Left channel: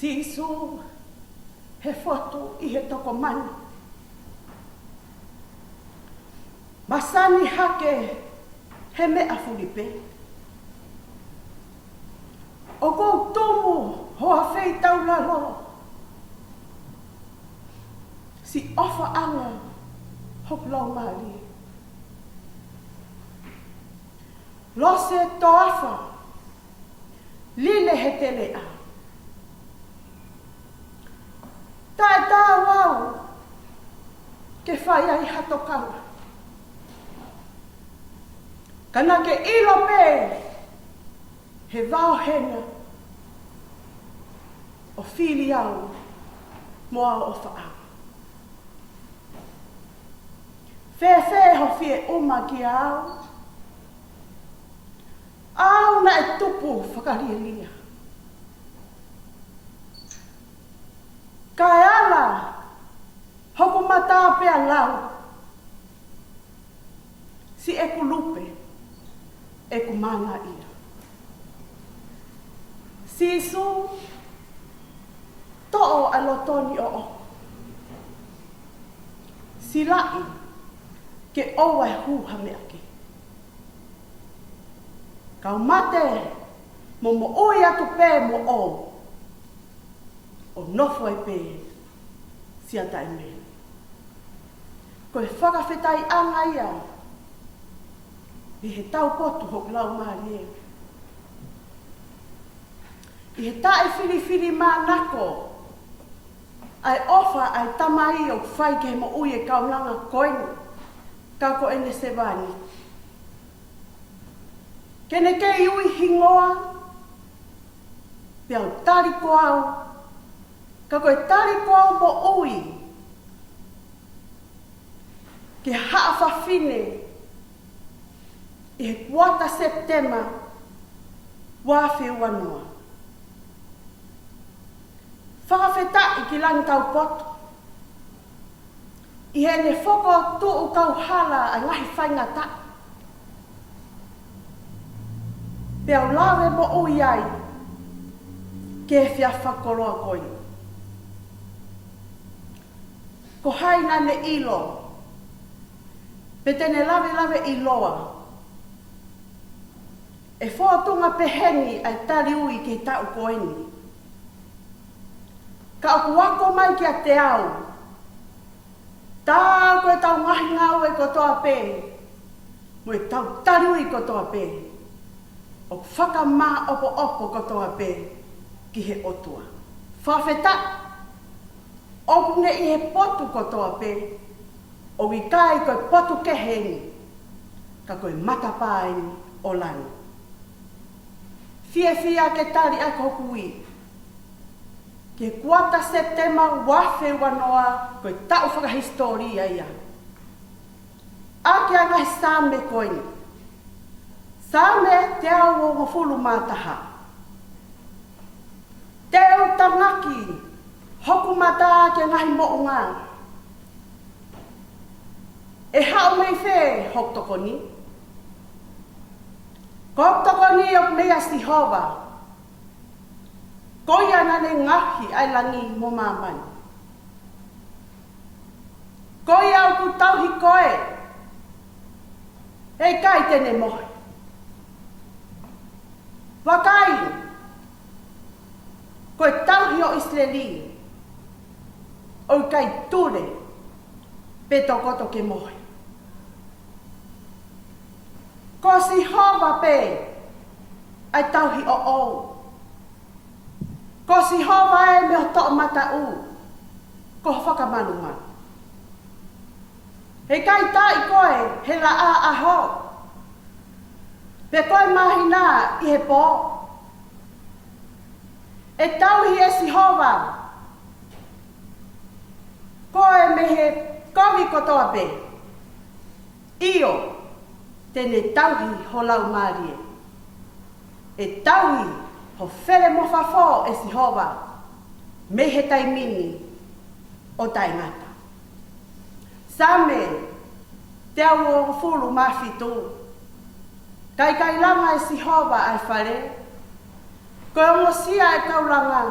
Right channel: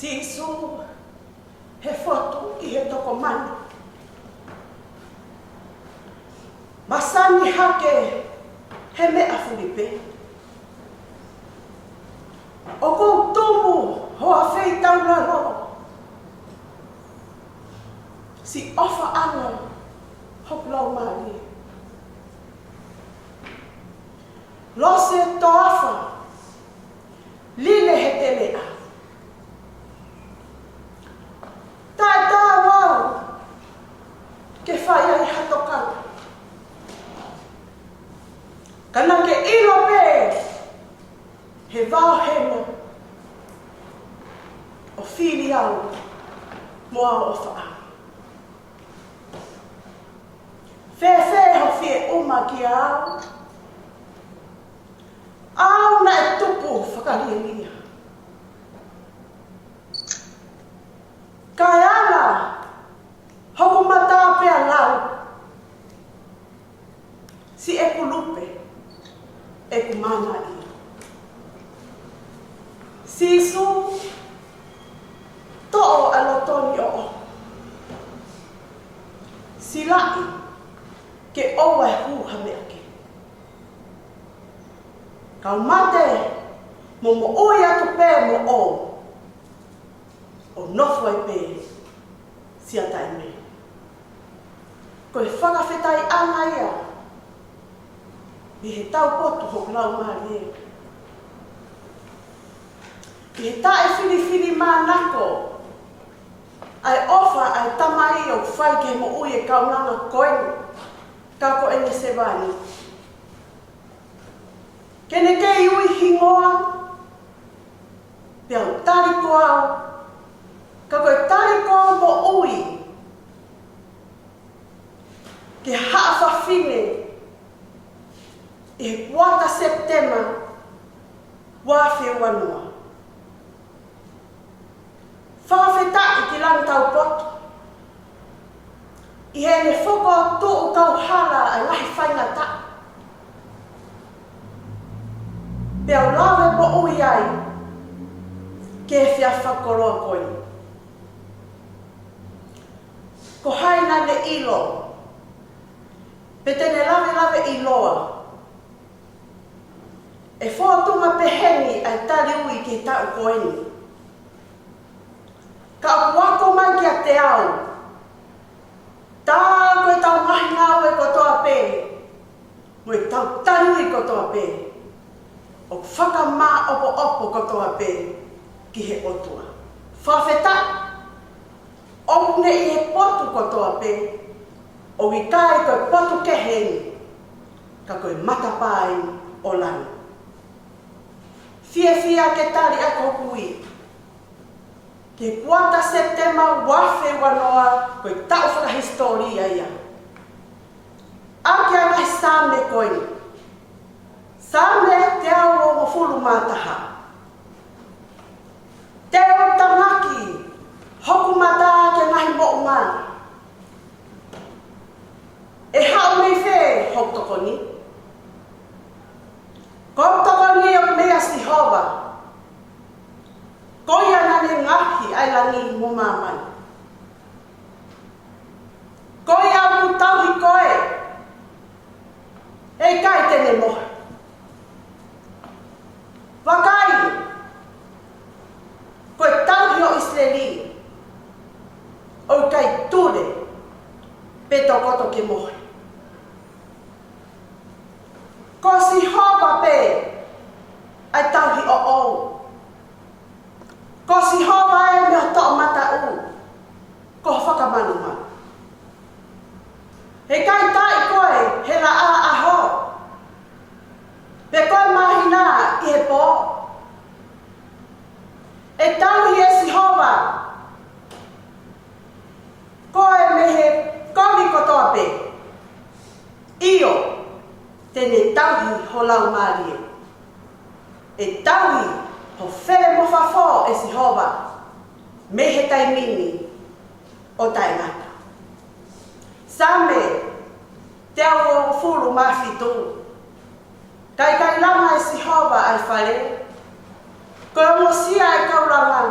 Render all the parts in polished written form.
Sisu he fotu I he toko manu. Masani hake he mea fulipe. O kou tumu hoa fei taularo. Si ofa anga hok lau mari. Lose toafa line he terea. Tata wau ke whai ai hatokana. Kana ke ilo pe he vau hema o whiri au moa o wha. Whewhe ho whie uma ki au. Au na e tupu whakariria. Kai ana hoku mata pea lau. Si eku lupe, eku mana ira. Sisu to'o alotoni o. Silai ke owa e hu hameake. Kau mate mo oi atu pē mo o. O nofu ai pē sia tai me. Koe whakawhetai anga ia. I he tau potu hoku lau maari e. I he tae whiri mānako. Ai ofa ai tamai o whai ke mo ui e kaunanga koeni. Ka ko ene se vani. Kene kei ui hingoa. Pea o tariko au. Ka koe tariko mo ui. Ke haafa fine. E wata Septema. Wafe wanua. Whawheta ki lan tau botu. I he ne whoko tō tau hala ai ngahi whaingata. Pea o lawe mo ui ai. Ke whia whakoroa koe. Ko haina ne ilo. Pete ne lawe iloa. E whoatunga peheni ai tari ui ke tau koeni. Ka uako mai ki a te au. Tā koe tau ngahi ngau e kotoa pē. Mo e tau taru I kotoa pē. O whakamā opo kotoa pē ki he otua. Whawheta. Opu ne I he potu kotoa pē. O I kai koe potu keheni. Ka koe matapai o lani. Fia ke tari ako kui. Ke kuata Septema wafe wanoa koe tau whakahistoria ia. Ake angahi same koeni. Same te au o mofulu mātaha. Te o tamaki hoku mata ke angahi mo'uma. E hao nei whē hok tokoni. Kau tokoni o mea si hova. Koia na ne ngahi ai langi mo mamai. Koia mu tauhi koe. Hei kai tene mohe. Wakai. Koe tauhi o Israeli. O kai ture. Peto koto ke mohe. Ko si hova pe. Ai tauhi o ou. Ko si hova e me o to'o mata u. Ko whakamanuma. He kai tai koe he la a aho. Pe koe mahina I he pō. E tauhi e si hova. Koe me he komi kotoa pe. Io. Tene tauhi ho lau marie. E tauhi ho where mo whawho e si hova. Me he tai mini o tai ngata. Same te au o furu mawhitu. Kai langa e si hova ai whare. Ko mo sia e kauranga.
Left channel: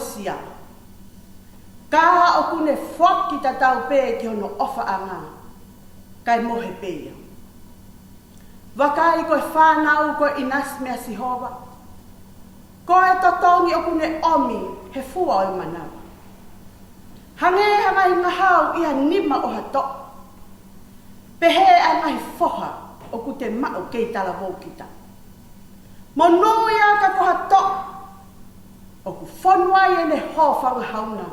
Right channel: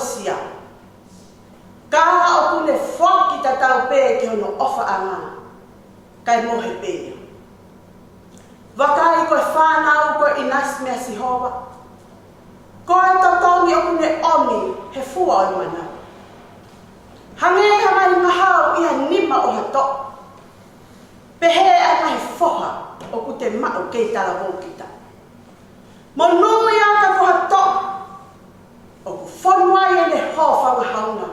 sia. Ka o kune whaki ta tau pē ki ono ofa anga. Kai mohe pē. Wakai koe whanau koe inas mea si hoa. Koe totongi o kune omi he fua o mana. Hange hanga i mahau ia nima o hato. Pehe anga he foha o kute mao kei tala mōkita. Monui a ka ko hato. O ku whanuai e le ho whangahaunga.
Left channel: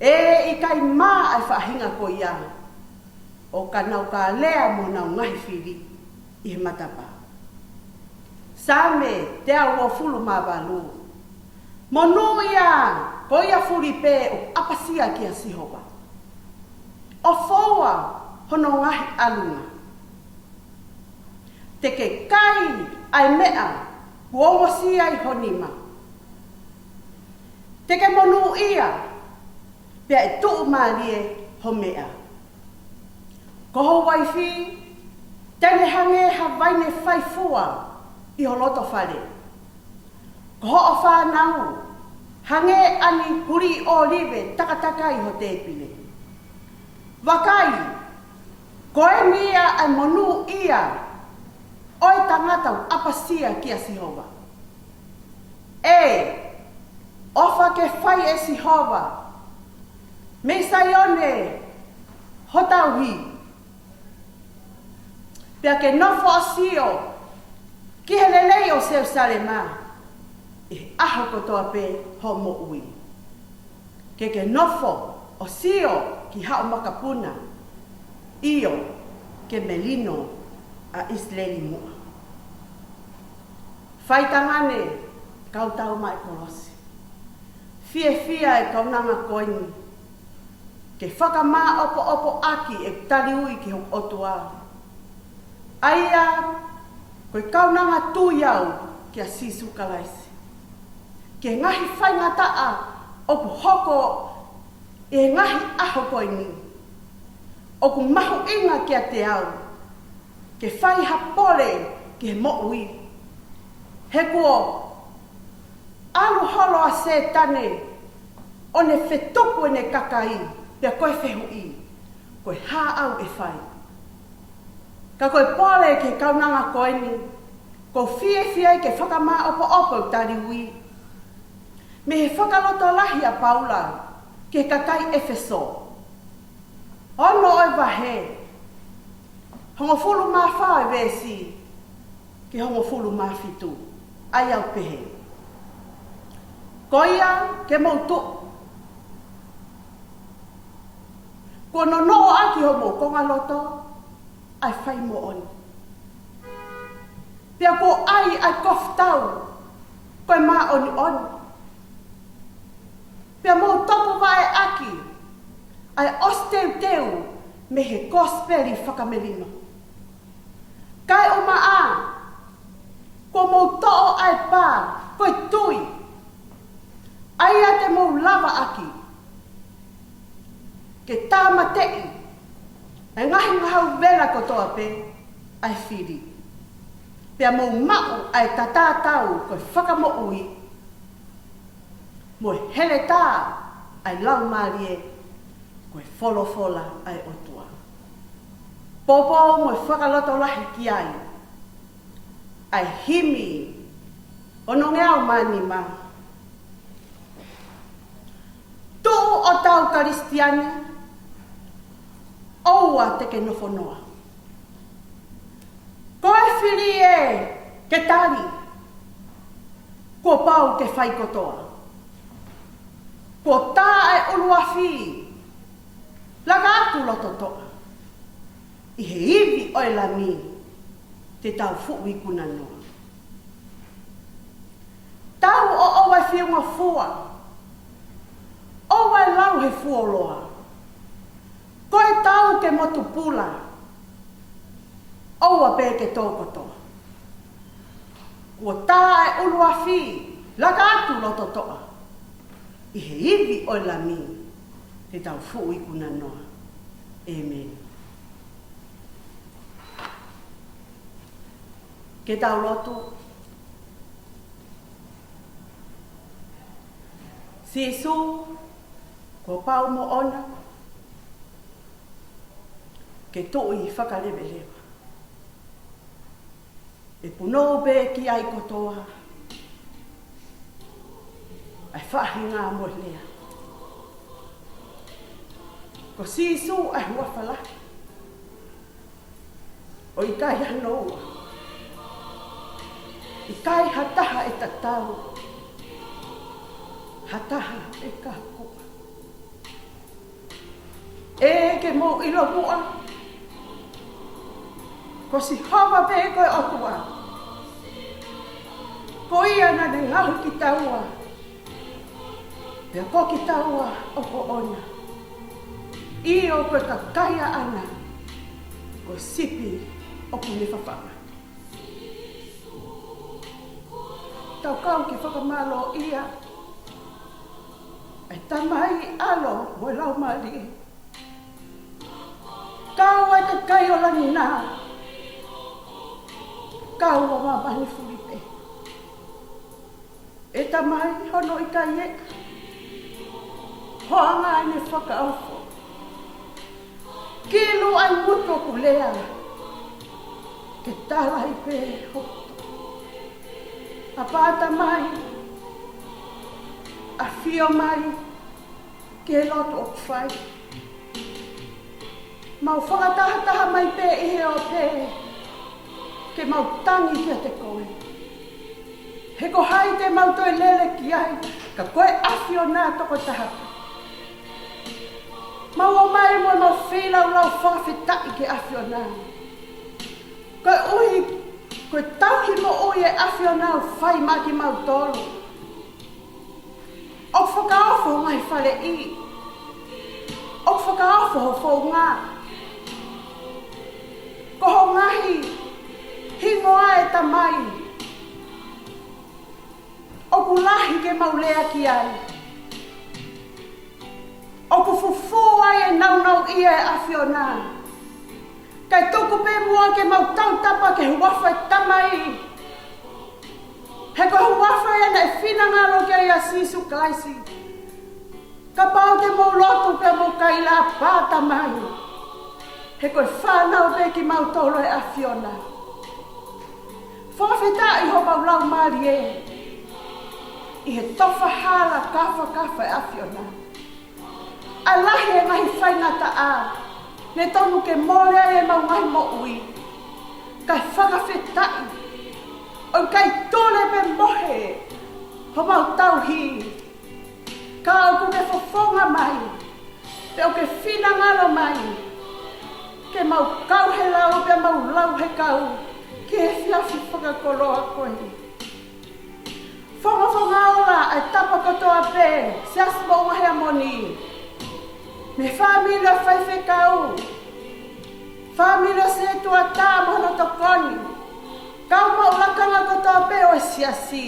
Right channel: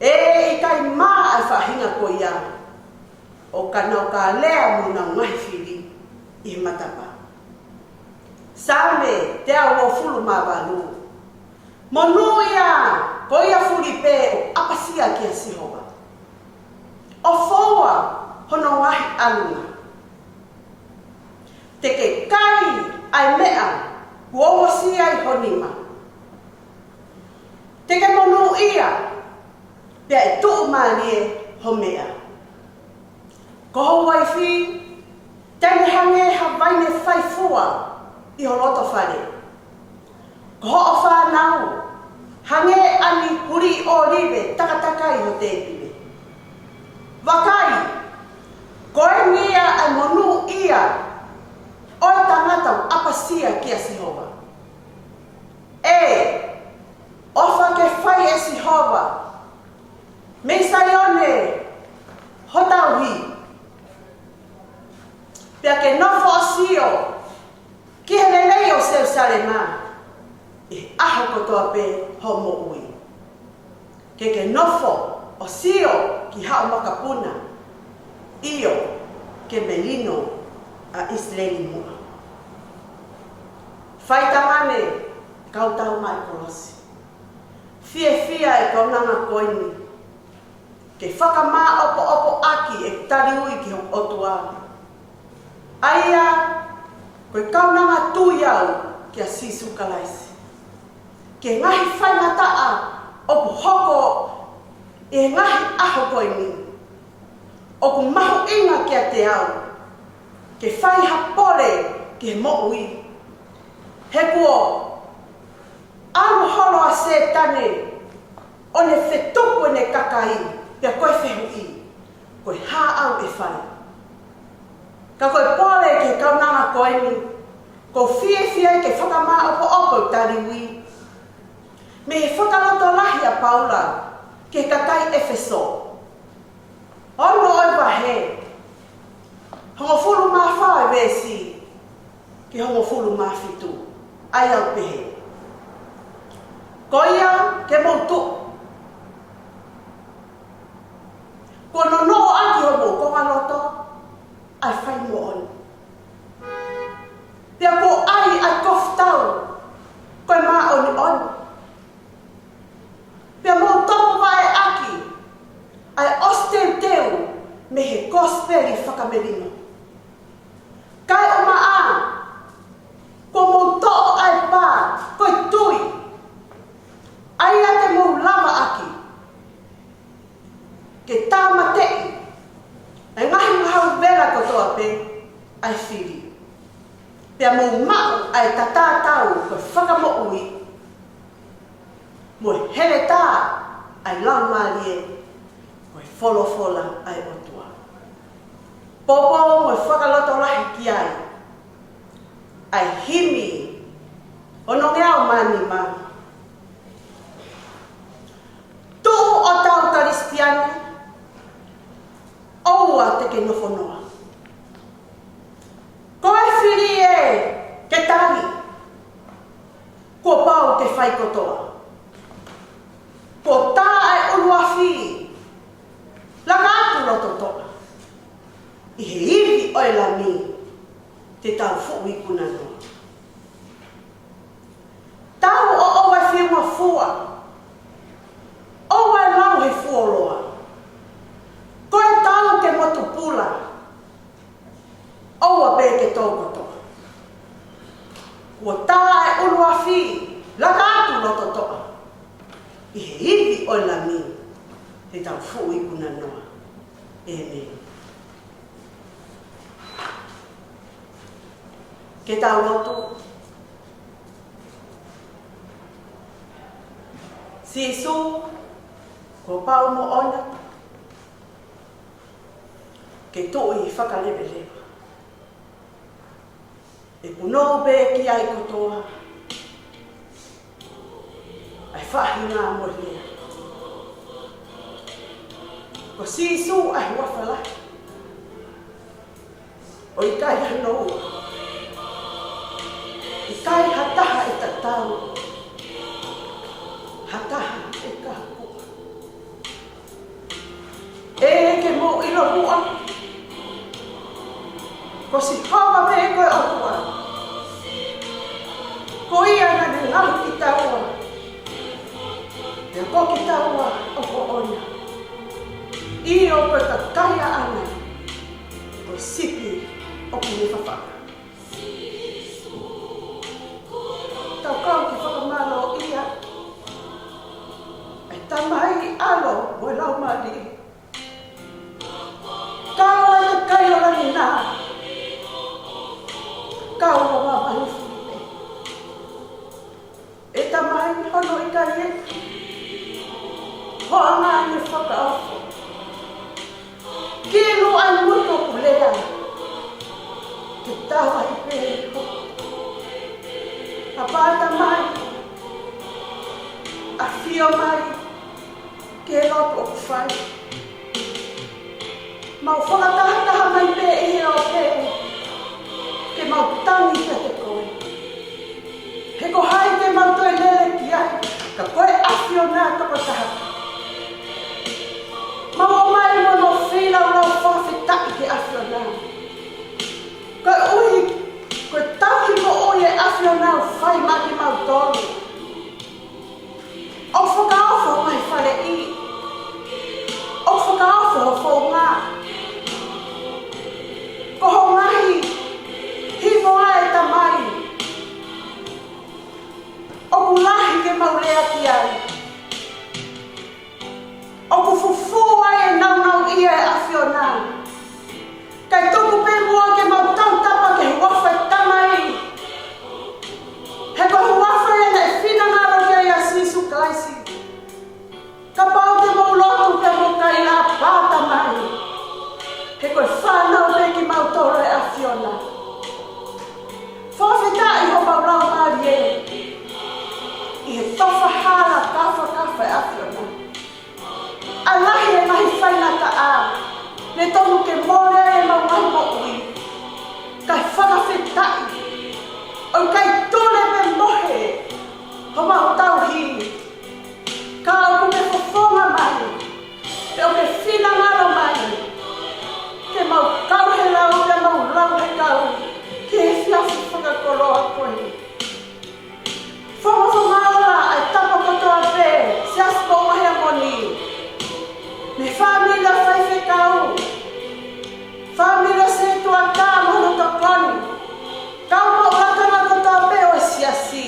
E i kai maa ai whahinga ko ia. O ka nau ka lea muna ngai whiri i he matapa. Same te au o fulu maa walu. Monui a ko ia furi pē o apasia ki a sihoa. O foa hono ngahi alunga. Te ke kai ai mea uomosia i honima. Te ke monu ia pia e tuu marie ho mea. Ko hou waifi, tene hange hawaine whaifua i o loto whare. Ko ho o whanau, hange ani huri o ribe takatakai o te pile. Wakai, koe nia ai monu ia oi tangata o apasia ki a sihoa. E, ofa ke whai e sihoa. Me saione, hotauhi. Pia ke nofo o sio, ki hene lei o Jerusalema, e aho kotoa pe homo ui. Ke nofo o sio ki hao makapuna, io ke melino a Isleni mua. Whaitamane kau tau mai kolosi. Fia e kau nanga koini. Ke whakamā opo aki e tari ui ki o otua. Aia, koe kau nanga tūiau ki a sisu kalaisi. Ke ngahi whaimataa opo hoko e ngahi aho koini. Oku mahu inga ki a te au. Ke whai hapole ke mo'ui. He kuo, aru holo a se tane, o ne whetuku e ne kakai, pia koe whehui, koe hā au e whai. Ka koe pole ke kaunanga koe ni, ko fie ke whakamā opo tari ui. Me he whakaloto lahi a Paula, ke kakai Efeso. Ono oi wahe, hongo fulu mā whae besi, ke hongo fulu mā fitu, ai au pehe. Koia ke motu. Ko no aki homo konga loto, ai whai mo on. Pia ko ai koftau, koe mā oni on. Pia mo topo vai aki, ai osteu teu, me he gospeli whakamerino. Kai o maa, ko mo to'o ai pā, koe tui. Ai a te mo lava aki. Ke tāma tei. E ngahi mahau vera kotoa pe, ai whiri. Pia mo mau ai tatātau koe whakamo'ui. Mo hele tā ai lau marie, koe wholofola ai otua. Popo mo whakaloto lahi ki ai. Ai himi, ono ngeau mani ma. Tu o tau karistiani, oua te ke nofonoa. Koe whiri e ke tali, ko pau ke whai kotoa. Ko tā e urua whiri, laka atu roto toa. I he iri oi lami, te tau fuku i kuna noa. Tau o sisu, ko pau mo ona, ke tō I whakalewe lewa. E puno pe ki ai kotoa, ai whahi ngā mo lea. Ko sisu ai wawhalai, o I kai hanoa, I kai hataha I tatau, hataha te kākua. E ke mo ilo mua, ko si hawa me koe okua. Ko ia na te ngahu ki taua, e ko ki taua o ko ona. I o koe ka kaya ana, ko sipi o ki ne whawhaka. Tau kau ki whakamalo ia, e tamai alo o lau mati. Kau ai te kai o lani nā, kau o mamani white. E tamai hono I kai eka, hoa ngā ne whakaawhi. Kilo ai muto kulea, ke tawa I pe e ho. A pāta mai, a whio mai, ke roto o whai. Mau whakatahataha mai pe I hea o pe, ke mau tangi kia te koe. He ko hai te mau toi lele ki ai, ka koe awhio nā toko taha. Mau o mai mo no whila o lau whawhetaki ke awhio nā. Koe ui, koe tauhi mo oi e awhio nā o whai maki mau tolu. O whakaawho mai whare I. O whakaawho o whau ngā. Ko ho ngahi, himo ai tamai. O kulahi ke maulea ki ai. O kufufu ai e naunau ia e awhio nā. Kai tuku pe mua ke mau tautapa ke huafa tamai. He ko huafa e ne whina ngaro ki ai a sisu kaisi. Ka pau te mau lotu ke mau kai la pāta mai. He koe whanau pe ki mau toro e awhio nā. Whawhetai ho pau lau maari e. I he tofa hala kafa e awhio nā. A lahi e mahi whainata a. Ne toku ke mole e mau mai mo ui. Kai whakawhetai. O kai tole pe mohe. Ho mau tauhi. Ka au me fofonga mai. E o ke whina ngaro mai. Ke mau kau he lau, ke mau lau he kau. Ke he whiawhi whakakoroa koe. Whama ora ai tapa katoa pe. Se asmo o he moni. Ne whamila whaiwhi kau. Whamila se tua tā mono tokoni. Kau mau lakana katoa pe o e siasi.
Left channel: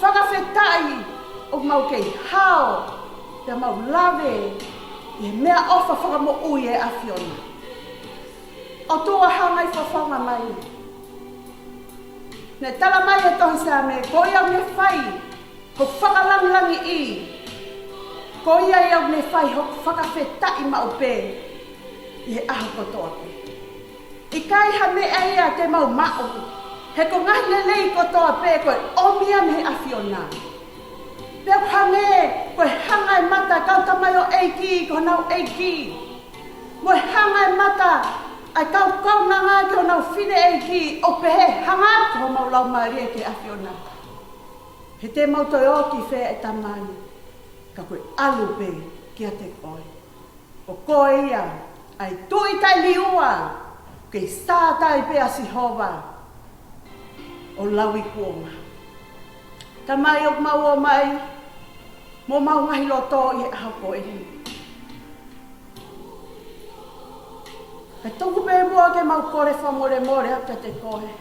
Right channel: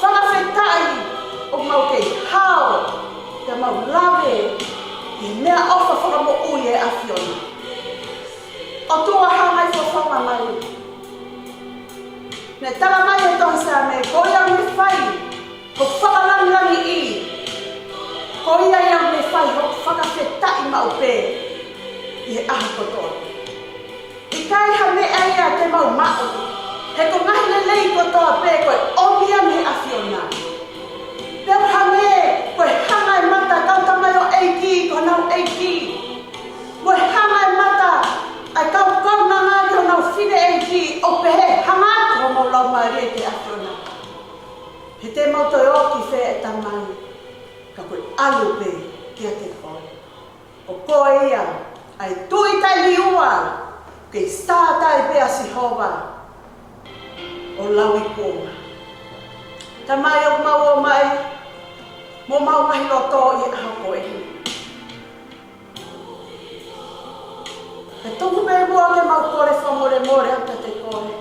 Whakawhetai o mau kei hao. Te mau lawe. I mea ofa whakamo ui e awhiona. O tua hangai whawhanga mai. Ne tala mai e tohi sea me, ko ia me whai, o whakalangirangi I. Ko ia iau me whai, o whakawhetai ma upe. I e ahu kotoa. I kai ha me aia te mau mao. He ko ngahi lelei kotoa pe, koe omia me awhiona. Peo ha me, koe hangai mata, kau tamai o eiki, ko nau eiki. Koe hangai mata, ai kau na ngā ki o nau whine e ki o pehe hangatu o mau lau maari e ki awhiona. He te moto e o ki whea e tamai, ka koe alu pe ki a te koe. O koe ia, ai tui tai liua, kei stātai pe a Sihova, o lau I kua. Tamai o mai, mo mau mahi loto I aho koe. E tuku me mua ke mau kore whakore more ata te koe.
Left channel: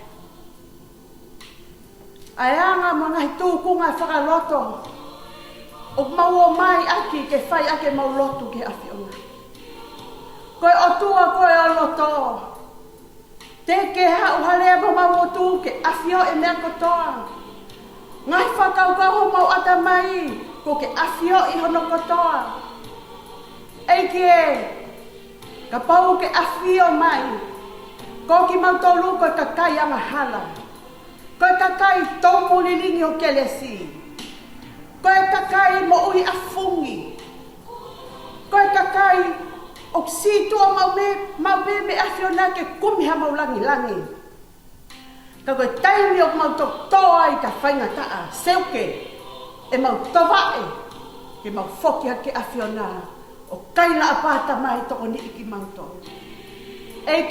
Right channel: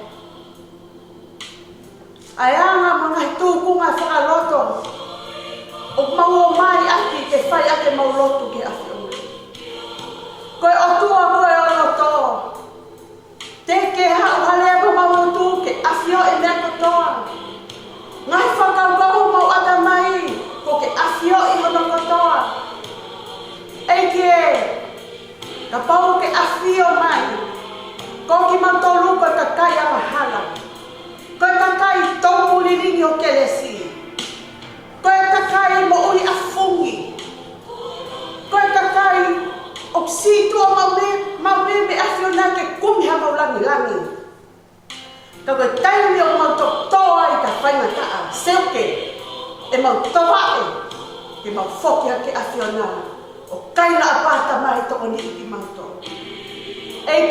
Ai anga mga tukunga whakaloto. O mau o mai aki ke whai ake mau lotu ki awhiona. Koe o tua koe o loto. Te ke hau harea mo mau mutu ke awhio e mea kotoa. Ngai whakau mau ata mai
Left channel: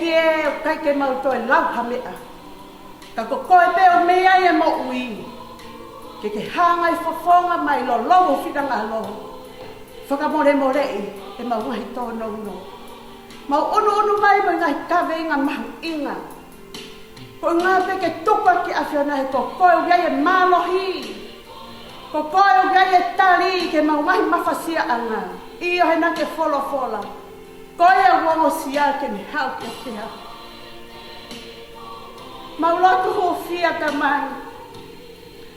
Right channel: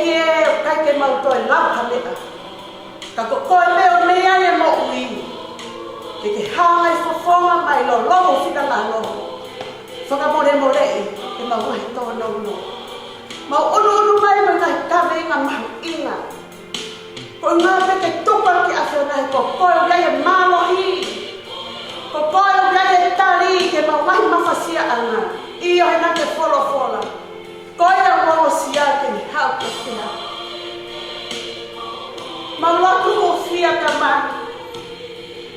ki e o kai ke mau toi lau ha mea. Ka ko koe meo mea e mo ui. Ke hanga I fofonga mai lo lomo whika lalo. Whakamore more e mau mahi toa no no. Mau onu mai mai ngai kawe ngā mahu inga. Ko ngā peke tuka ki awhena he ko koe o gai e māmohi. Ko koe o gai e tari ke mau mahi mawhasia ana. Io he nake wholofola. Koe a wao sia ke ni hau ke tea. Mau lotu ho fia ka mai.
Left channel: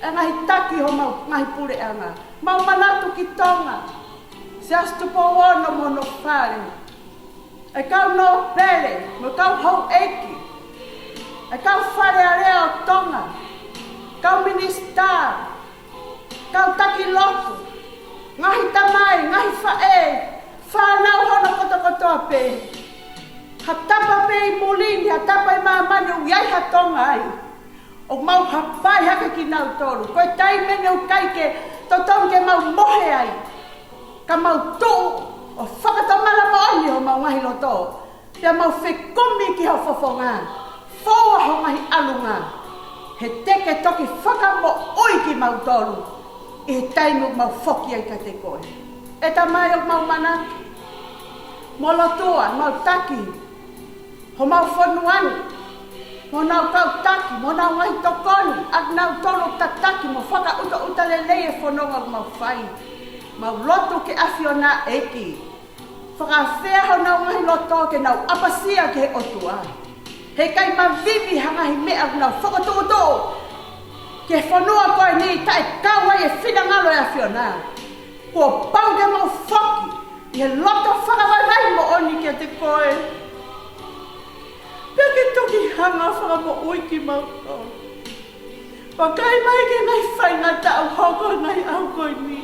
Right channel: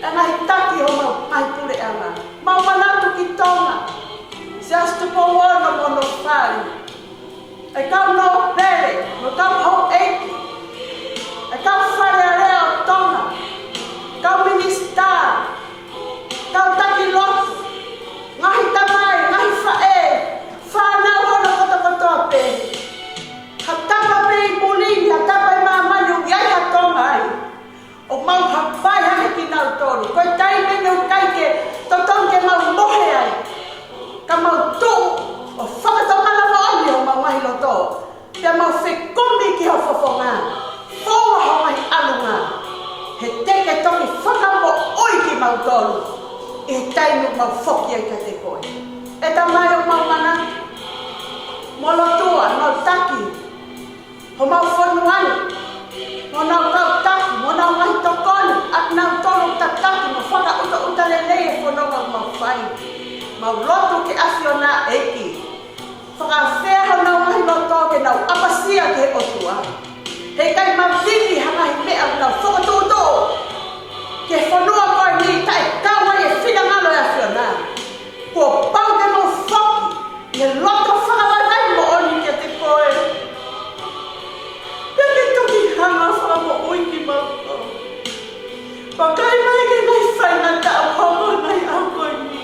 E ngai taki ho mau ngai pure ana. Mau manatu ki tonga. Se astu po wono mono whare. E kau no pele, o kau hau eki. E kau whare a rea o tonga. Kau minista. Kau taki lotu. Ngahi tamai, ngahi whae. Whanau hono kota kotoa pe. Ha tapa pe I molingi, ha tapa I mamani o iai ha tonga ai. O mau hapai hake ki nau tolu. Koe tai mene o kaike, totong ke mau mohe ai. Ka mau tu, o whakatomala mo oni o mau mahi loto. Pia mau whekumi ki ho fofonga. Foa ho mahi alunga. He teke toki whakamo oi ki mau tolu. I he tainu mau whoki ai ka te koe. E ta mai o mau manangi. Mo lotua, mau taki. Ho mau whanuanu. Mo nau kau taki, mo nau ngai tokoni. Ak nau tolu ta taki, mo whaka uta lelei e whanonga mau whai. Mau lotu ke awhiona eki. Whakawhea hau nau mahi loto ke nau apasia ke otua. Hei kai mawhiwi hangahi mea nau whakatoto. Ke whanua koe ni tai kawai e whina ngalo e awhiona. Kua pau ke mau whaki. Ke loto whakawai mo oni ke te koe. Peke tuki hanga whakamo ui ki mau tau. Wakai mai ke ngai whaina tau hongo nai au koe ni.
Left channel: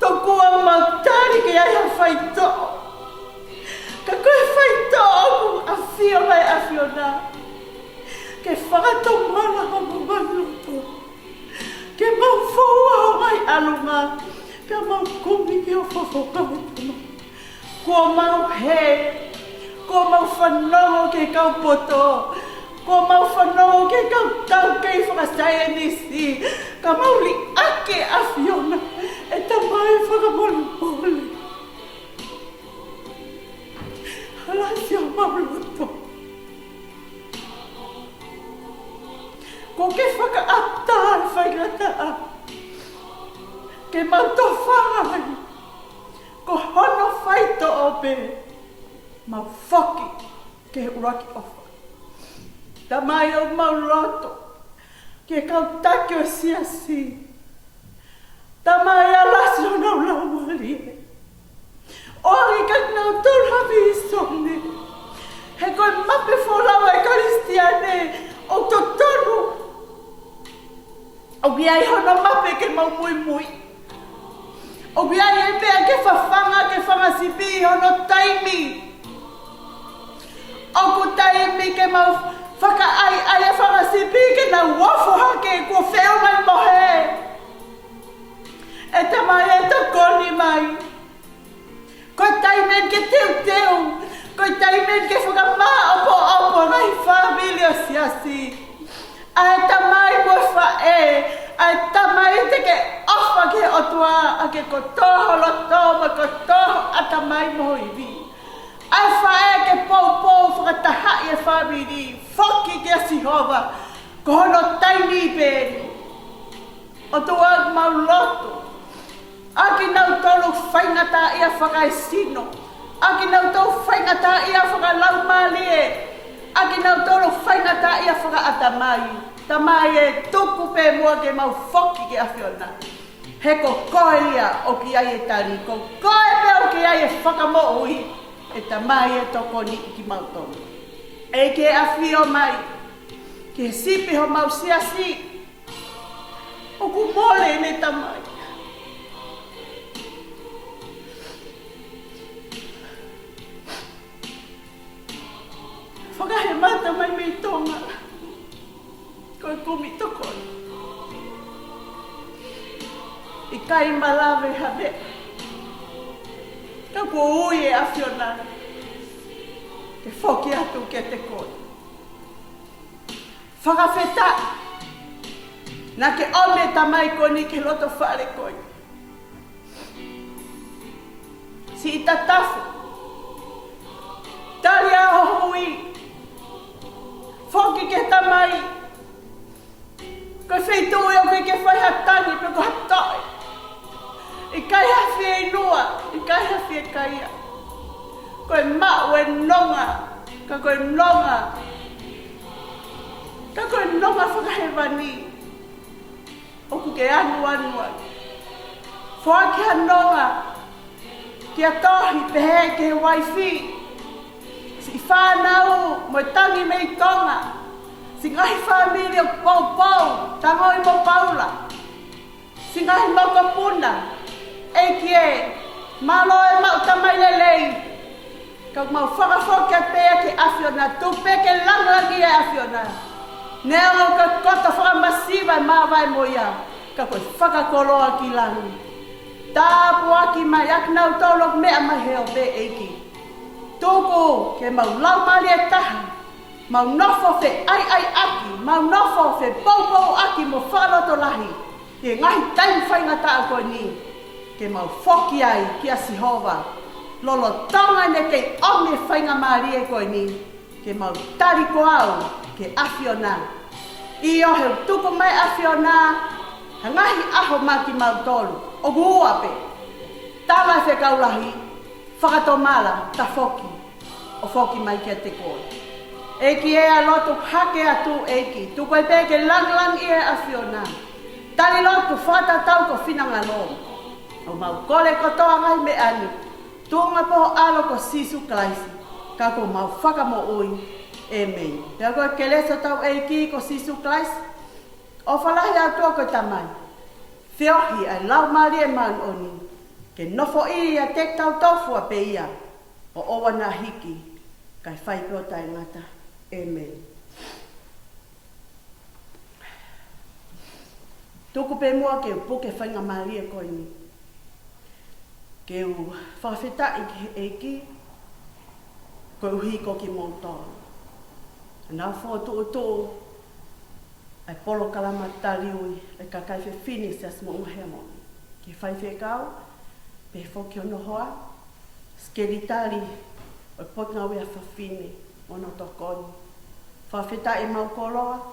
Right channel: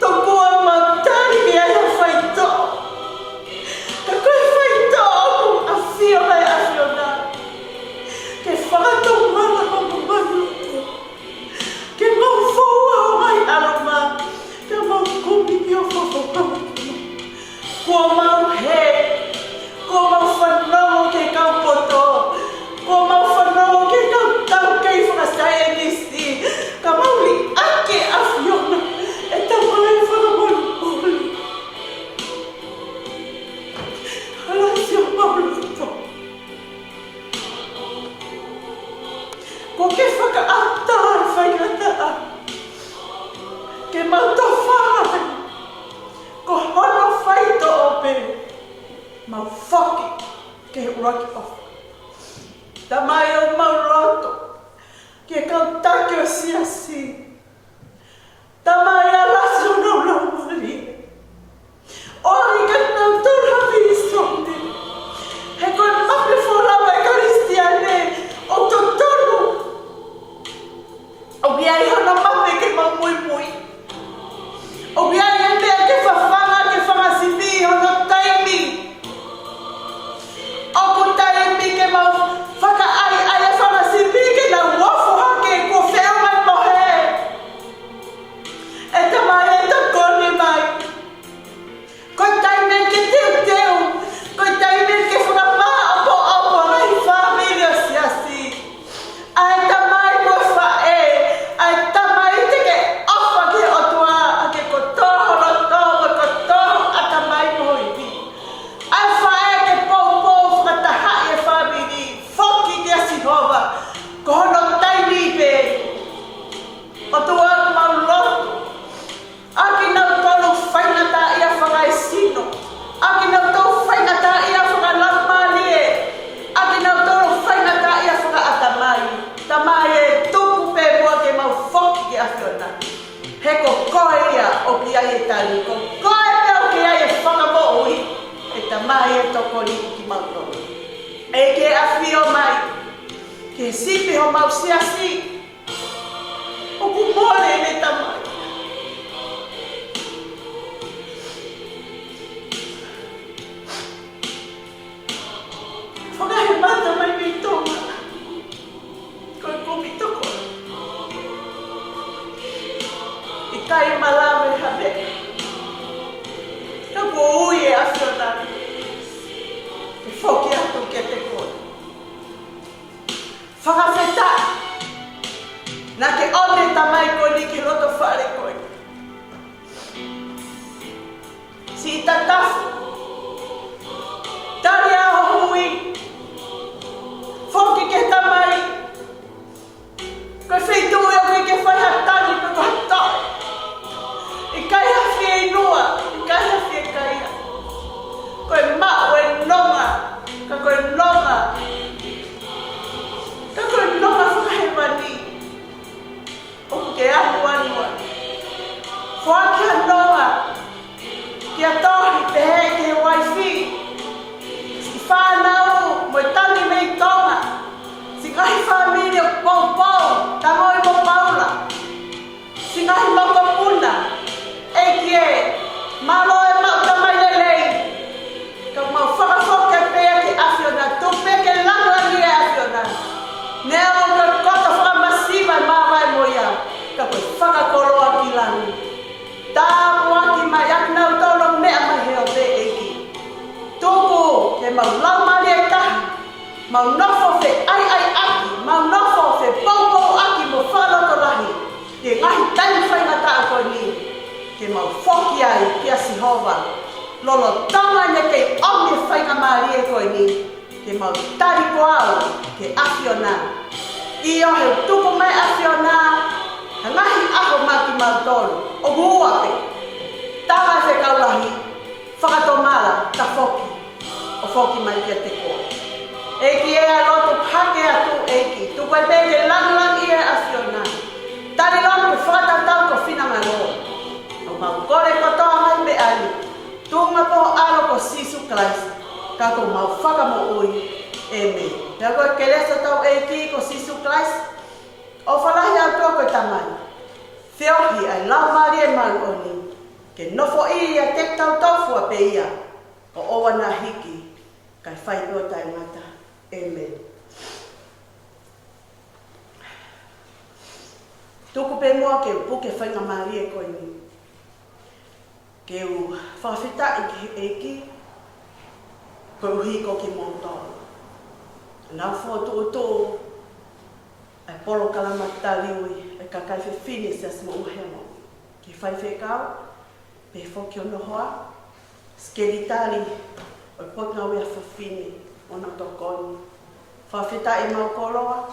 Tokua mautari ke ai a whaito. Ka koe whaito aku a whio mai a whiona. Ke whakato mana homo manutu. Ke mau whaua o mai aluma. Ka mau kumi ki o whakautu. Kua mau he. Kua mau whanongo ke kau poto. Kua mau whanongo ke kau tau kei whakasaya nisi. Ka mau li ake a whiona. E ta mai whakamonu poli. Hala si o mauluto. Ko ke whakaata ai whaingataa. Ke mauto whārai. Ko hono whaito o pe. Mau whaki ke uraki ofa. Ta mai o mauloto. Ke kau take o siasi. Tamai alasi o nau laumari. Ori ka nau tūrawi I sone. He koe mape whorawa e karistiane o totonu. O biai hono mape ke mau mui mui. O biai e mea ke whawhanga ke whangasipi hono taimi. O ko taimi ke mau whaka ai e whangasipi ke nau wafu hake ko whea mai mohe. E tamai e tokoni mai. Koe taimen ke teu. Koe taimen ke whakama opo nai whawili o siasi. Ai tamai mo whae. Ai tamai te ke ofa ke otua. A ke kotoho loto wa kotoho a tamai mo iwi. Ai whae ke pou whakatahai e whawili. Whoki te asihova. Ko hono taimi pe. Otua mau loto. Aki nau tolu whainata ia whakaesino. Aki nau tolu whainata ia whakalarumalie. Aki nau tolu whainata ia whakaatamai. Tamai e tupu pe mua ke mau whoki ki awhiona. He ko koe ia o ki ai e tali. Ko koe pia o ki ai e whakamo ui. E tamai e tokoni ki mau tolu. E ke awhio mai. Ke sipi ho mau siasi. O kumore ne tamai. Whakahemata mai mi tonga. Koe kumi toko. I kai malawe hane. Ka ko ui e awhiona. loto whare koe. Si i tatafu. Tari a hui. Whoki ke tamai. Koe wheitu ea koe ke whai hatani pe ko hatoi. I kai hawhi e inua. I kai hawhi e kaia. Koe mao e nonga. Ka koe nonga. Ka koe nonga whakahewani. O ke anu anua. Whaki ha nonga. Kia tohi pehe ke he waifi. Si whanau mo tangi mei tonga. Si ngahi whamiri o pau tango e mo paula. Si ngahi mau kapuna. Eki e malo e mau tamai lelei. Ka mau whakawhoke pea ke awhiona. Tupe ke langangi e awhiona. Nea o ka kota whakamasiva e mawai mo ia. Ka koe whakakoroa ki langi. Tāpu aki mai aknau tolo mea mai heo te eki. Tuku ke mau laumari e tahi. Mau nofo fe ai aki. Mau nofo fe poupou aki mo whaloto lahi. Ke ngahi taimi whainga taa koe ni. Ke mau whoki ai ki a Sihova. Lolo tonga ne ke omi whainga maari e koe ni. Ke mau tari koao ke awhiona. I o heo tuku mai awhiona. Ngahi aho maki mau tolu. O guape. Tama e whekaulahi. Whakatomala ta whoki. O whoki mai kia te koa. Eki e a loto hake atu eki. Tu koe peke lang i e awhiona. Tali loto whakatatau ko whinanga no. O mau kore kotoa mai me ani. Tunga po aro ko Sisu Christ. Kako mau whakamoui. Amen. Ka koe keresa tau eki ko Sisu Christ. O whalahi atua koe tamai. Whiohi ai laumari e mangoni. Ke nofo i a te tau tofu a beia. O owa na hiki. Kai whai ua tai ngata. Amen. Tuku pe mua ke upuke whainga mari e koe ni. Ke u whawhita e ki eki. Koe uhiko ki motoa. Nau whotu ai polo kalamatali ui. Kakai fe fini se as mo mahemo. Ki fai fe kau, pe foki o nohoa, skelitari, o pona ue a fa fini, o na tokoni. Whawhita e mau koroa,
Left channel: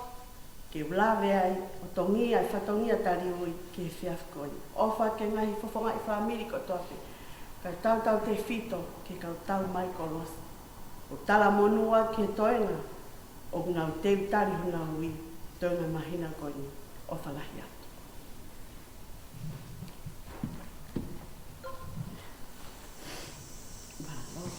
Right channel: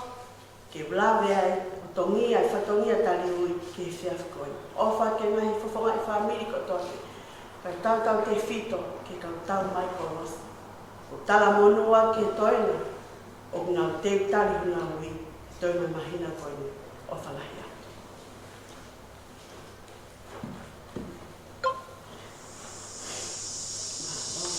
ke blame ai, o tongi ai, whatongi a tali ui, ke whiaf koe. Ofa ke ngahi whawhonga i whamiri ko toke. Kai tātau te whito, ke kau tau mai konos. O tala monua ke toina, o ngau te utari hunga ui, toina mahina koe. O whalahia.